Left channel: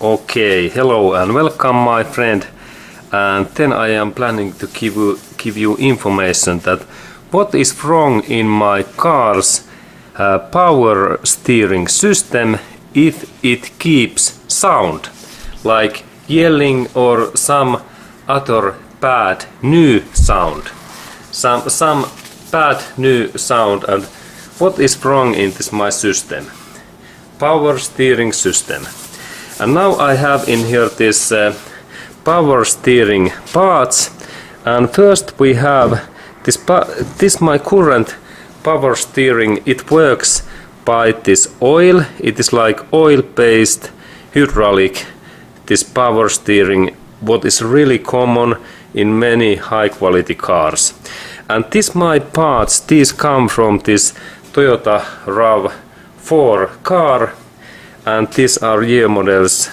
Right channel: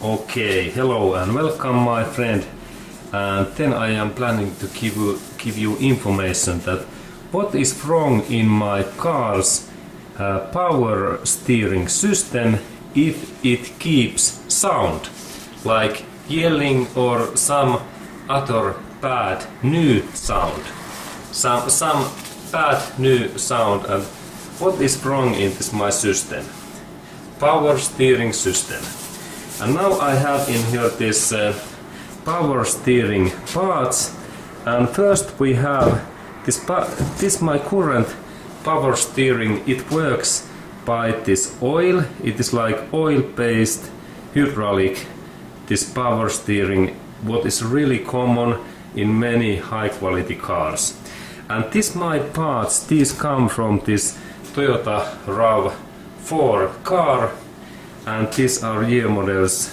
Okay, hello and welcome my friend. And then I am planning to give you information that what is wrong in my car's power steering system if it keeps sound, like yelling or some other bad new sound. Some bad new sound, and what is wrong in this my system? Power steering system. And now I have in here this power steering parts, and first we have this my current power steering. It works by this oil. It is like oil based hydraulic, this power steering, what is really common in many high quality cars. And this my parts, these come from this Toyota RAV4 car, and these are year models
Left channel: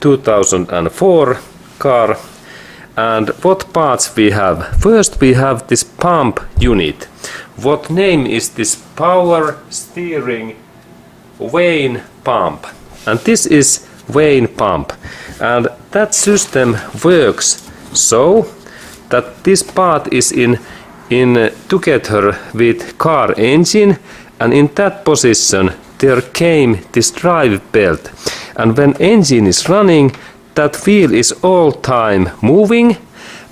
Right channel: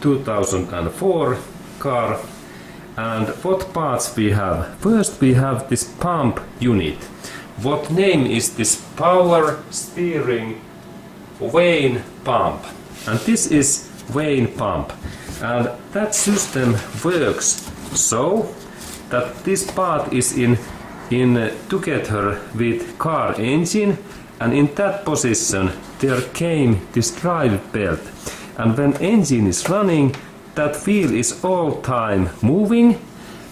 2004 car. And what parts we have? First we have this pump unit. What name is this power steering vane pump? And this is vane pump. And that system works so that this part is in together with car engine, and in that position there came this drive belt, and when engine is running, that wheel is all time moving,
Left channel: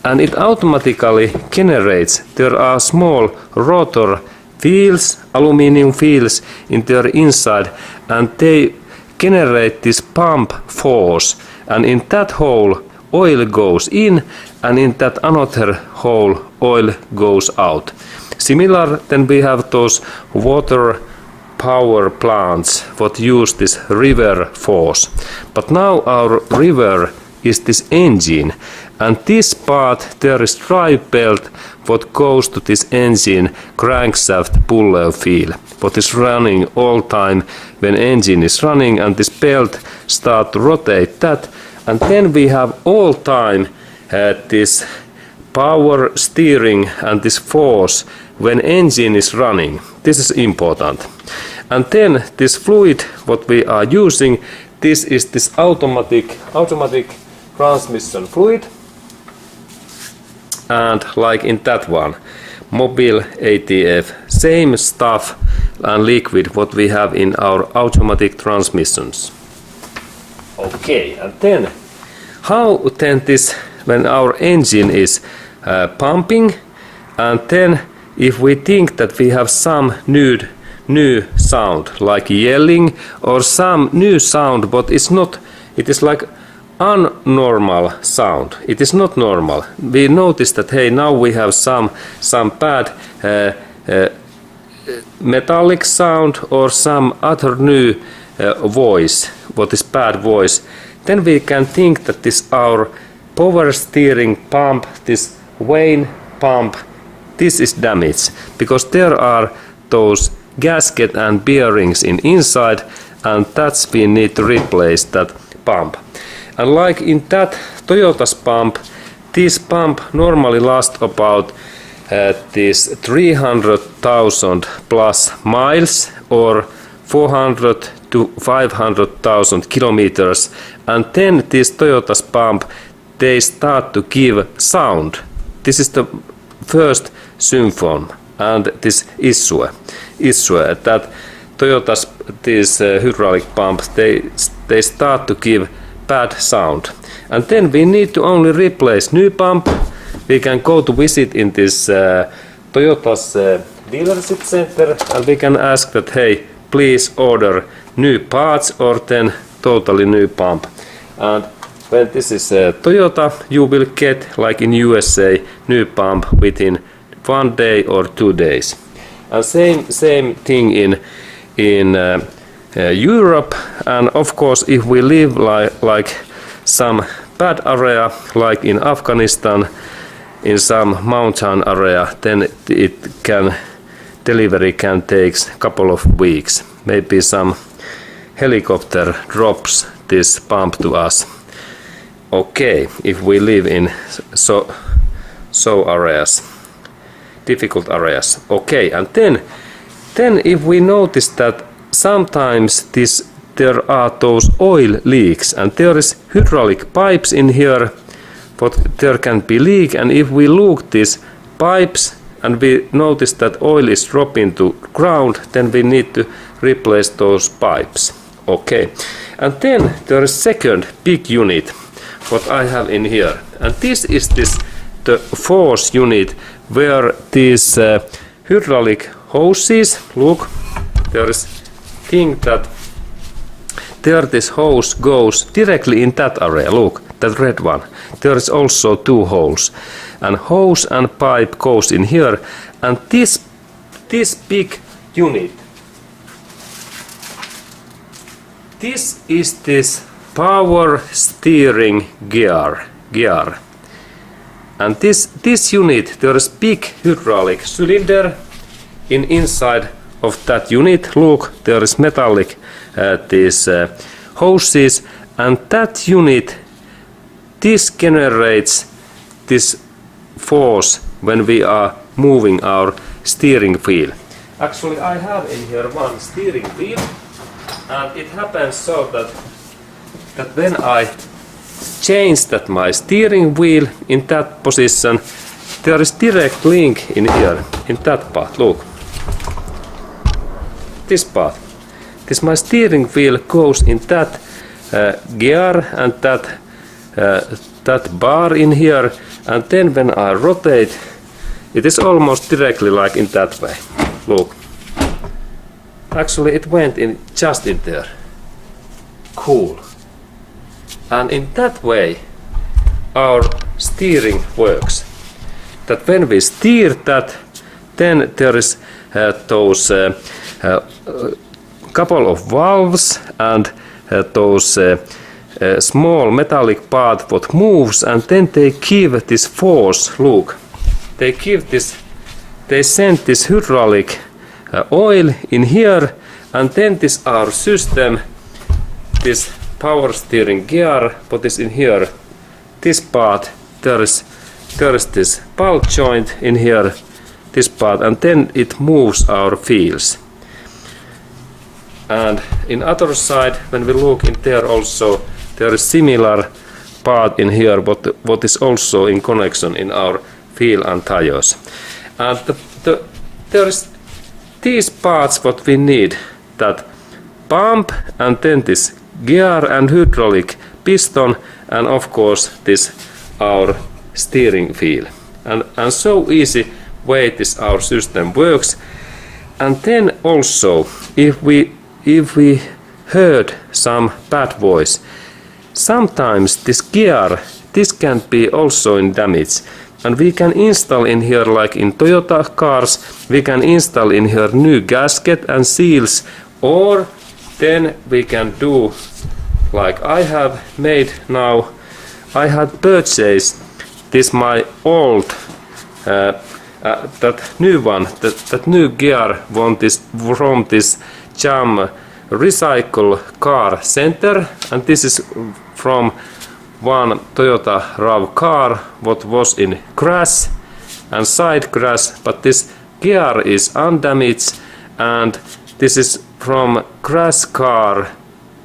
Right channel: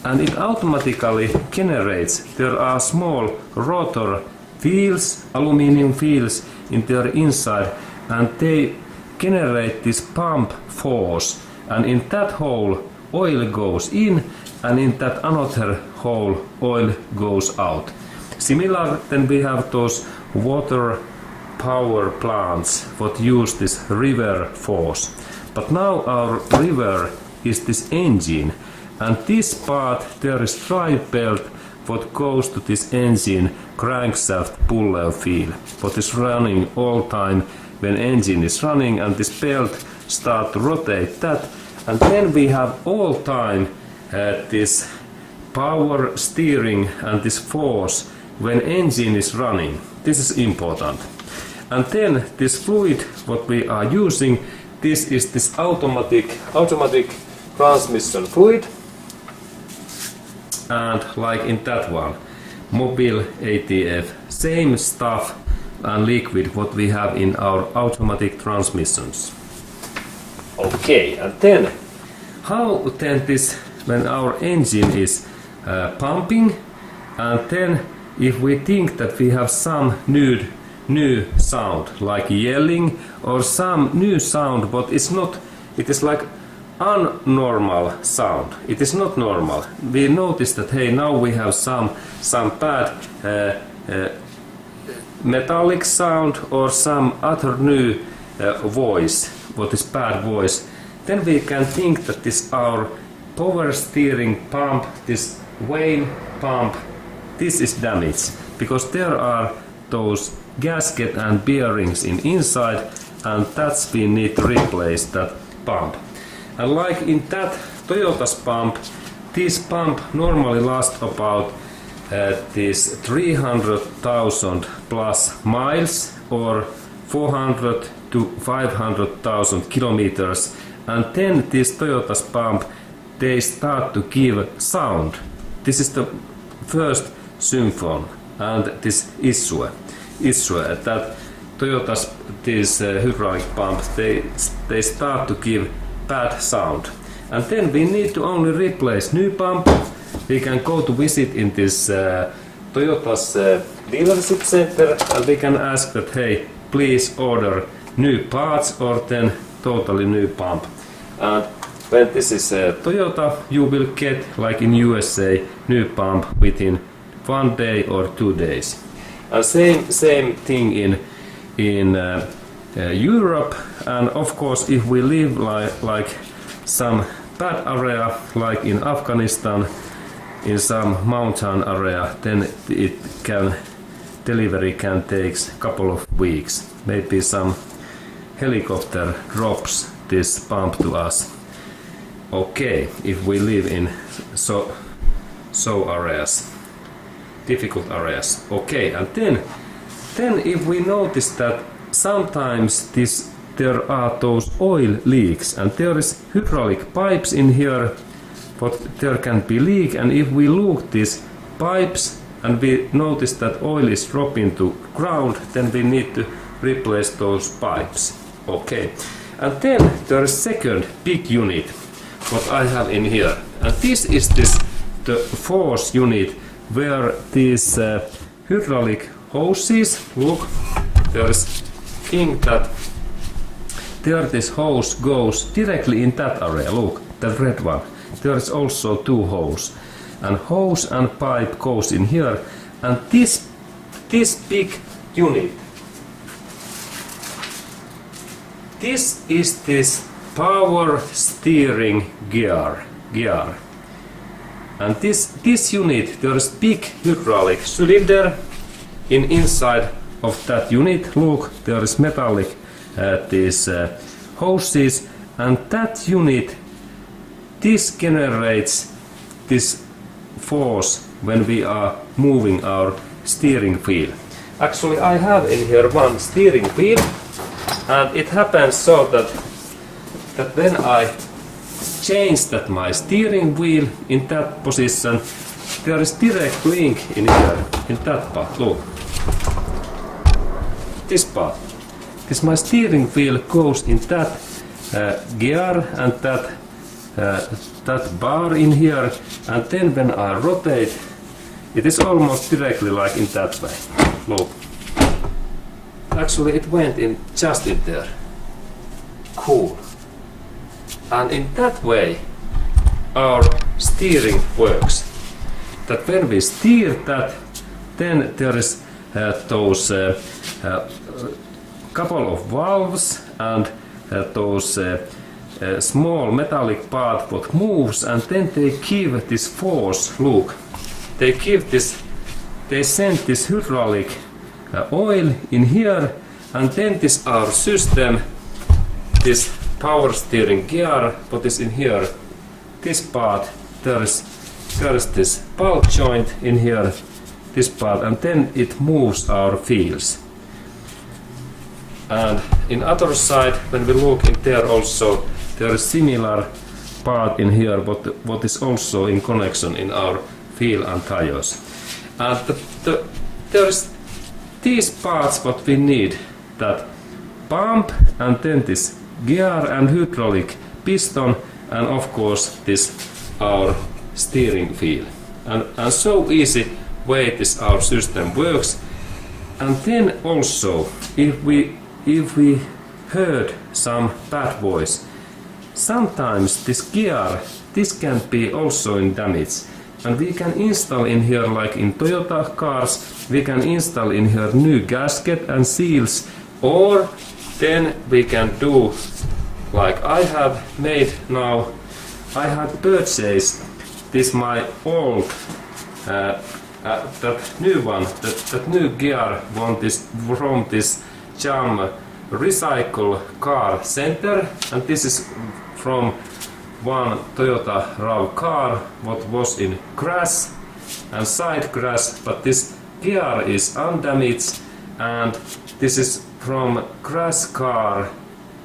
and it automatically generates. There are small rotor wheels, aluminum wheels in their inside, and they generate this pump force, and in that hole oil goes in, and in that another hole oil goes out. Similar, then we have those water power plants what use this river force. But now our river is this engine, and this part there is drive belt what goes to this engine crankshaft puller wheel what is running all time when engine is running, and this belt start to rotate that, and then we have all time this power steering and this force when engine is running. This is important. And then this fluid what we are using, this is this automatic transmission fluid, and like in that one Mobil ATF, same stuff and liquid what we have in our automatic transmissions. Okay, and then how then this when our engine is pumping, and then if we think that we have some new sound like yelling or some new sound but it's not, it is like unnormal sound, it is not normal, we notice that hey, now we have some bad metallic sound or some other new voice what is bad voice, then we can think that this our power steering pump, this vane pump, this is damaged, because there are those gasket and bearings inside, and that's we need to replace that pump. And like in that Toyota's pump, this pump normally lasts about this 300,000 plus miles or 400 to 500,000 kilometers, and then this Toyota's pump they start to give sound. This is the first symphony, and this issue that Toyota's these hydraulic pumps they start to give bad sound, and then we need to only replace new pump. We can go to visit in this Toyota's dealership center, and we can ask that hey, please order new parts or then totally new pump. And when this is Toyota, you will get like in USA new pump within 1 day or 2 days. And same thing in Europe. And of course, if we live like some bad area, like in Afghanistan, in some mountain area, then delivery can take a couple of weeks. Maybe some helicopter drops this pump to us. Okay, if we live in so areas, difficult areas. Okay, and then if we notice that sometimes this there are those oil leaks, and there is hydraulic pipes in here, but there can be leak, and if we look these pipes and we notice that oil is dropping to ground, then we need to replace those pipes. Okay, and then there is second big unit what I have in here, and this is the force unit where these hydraulic hoses, look, there is thing that there this hose goes directly in that area, look, that red one. There is also two holes, and hose and pipe goes in here, and this big unit, this is this power steering gear, and this unit, there is big hydraulic cylinder inside of that unit. Look, there is metallic these hoses, and that unit, this generates this force when we are moving our steering wheel. Actually, I have in here one steering wheel, and it happens so that when I change that my steering wheel in that position, there is direct link in here, in that part, look. This part. This my steering wheel goes in that gear and that bar in here, and then when I rotate, it is almost directly like in that way. Look. Actually, it went in just in there. Cool. And in that way, our steering works. That when we steer that, then there is those couple of valves and those small metallic part what moves, and then they give this force. Look, they give this, they send this hydraulic oil in here, and then this our system, this power steering gear what is in here, this part, there is this ball joint in here, this part, and then it moves our wheels. And in other side, when we look in there also, there is similar part in here what is also in connection in our wheel and tires. And there is these parts what we need, that pump, and then this gear and hydraulic piston, and of course this our steering wheel. And so easy way this our system works. And then also, if we heard some bad voice, sometimes this gear, this can be also in damage, and we can install in here, like in Toyota cars, we can install in here new gasket and seals, or then we can do like I have made now. I have purchased this my old that new one, that new gear from this Jam Recycle Car Center, and this is from one Toyota RAV car what was in crash and side crash, but this gear is undamaged, and this is from crash car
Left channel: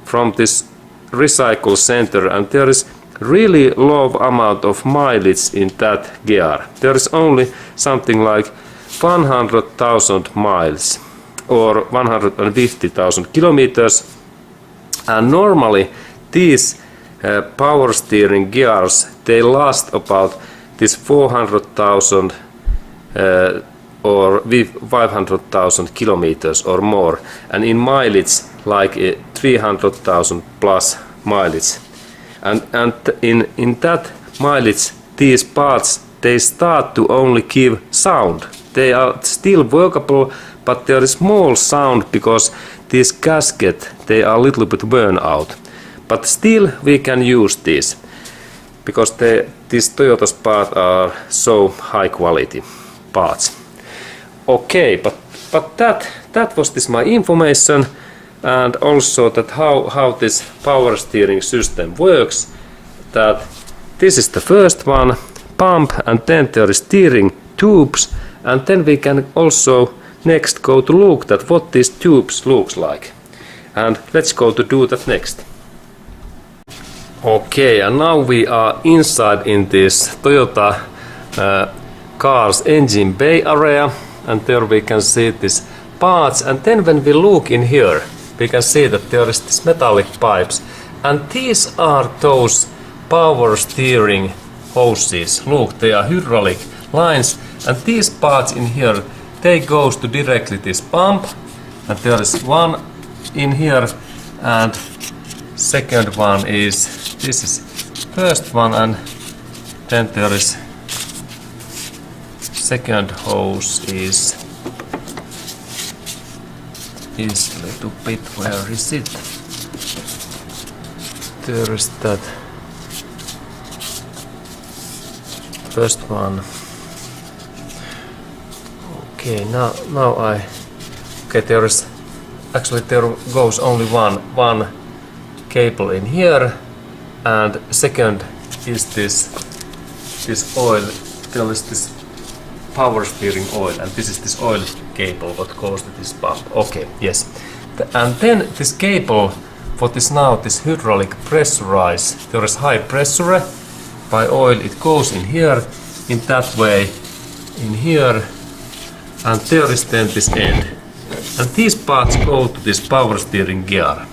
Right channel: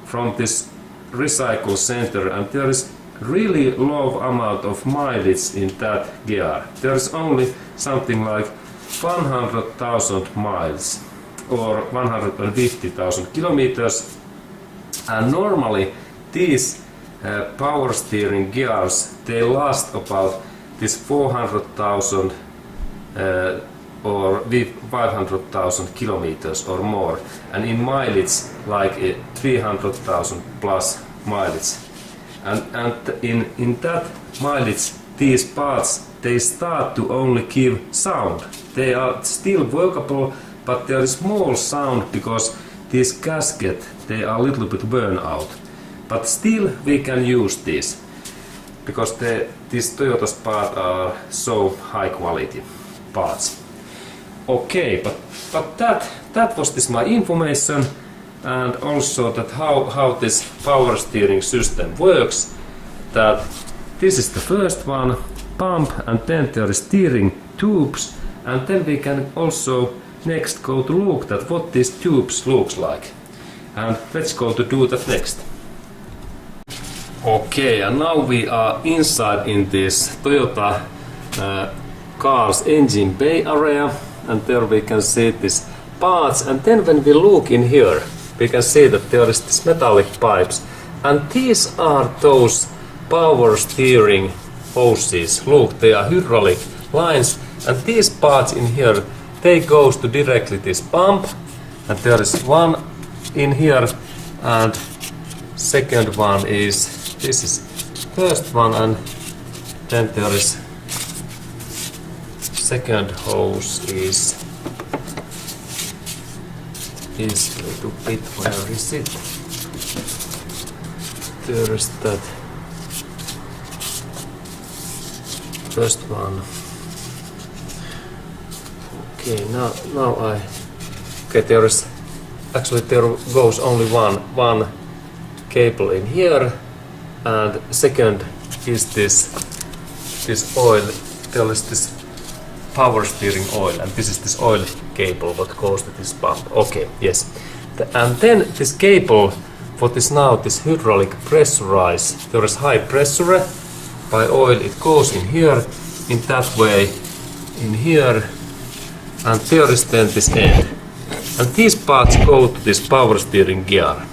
from this recycle center, and there is really low amount of mileage in that gear. There is only something like 100,000 miles or 150,000 kilometers, and normally these power steering gears, they last about this 400,000 or 500,000 kilometers or more, and in mileage like 300,000 plus mileage. And in that mileage, these parts, they start to only give sound. They are still workable, but there is small sound because these gaskets, they are a little bit worn out. But still we can use these because these Toyota's parts are so high quality parts. Okay, but that was this my information, and also that how this power steering system works. That this is the first one, pump, and then there is steering tubes, and then we can also next go to look at what these tubes looks like. and let's go to do that next. Okay, and now we are inside in this Toyota car's engine bay area, and there we can see these parts, and then when we look in here we can see that there is these metallic pipes, and these are those power steering hoses. Look, they are hydraulic lines, and these parts in here, they goes to directly this pump, and there is one in here, and second one is, this is first one, and then there is second hose is a little bit, where is it? There is that first one. Okay, now I, okay, there is actually, there goes only one cable in here, and second is this oil. There is this power steering oil, and this is this oil cable what goes to this pump. Okay, yes. And then this cable, what is now this hydraulic pressurized, there is high pressure by oil, it goes in here, in that way, in here, and there is then this end. And these parts go to this power steering gear.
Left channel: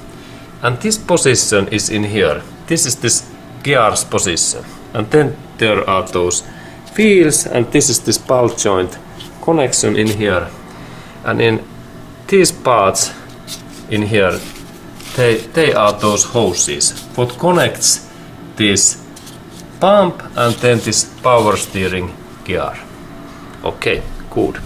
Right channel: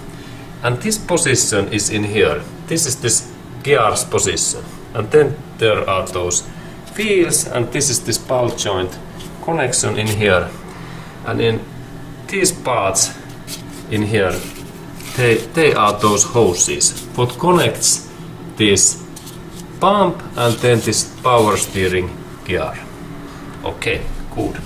And this position is in here. This is this gear's position. And then there are those wheels, and this is this ball joint connection in here. And in these parts in here, they are those hoses what connects this pump and then this power steering gear. Okay, good.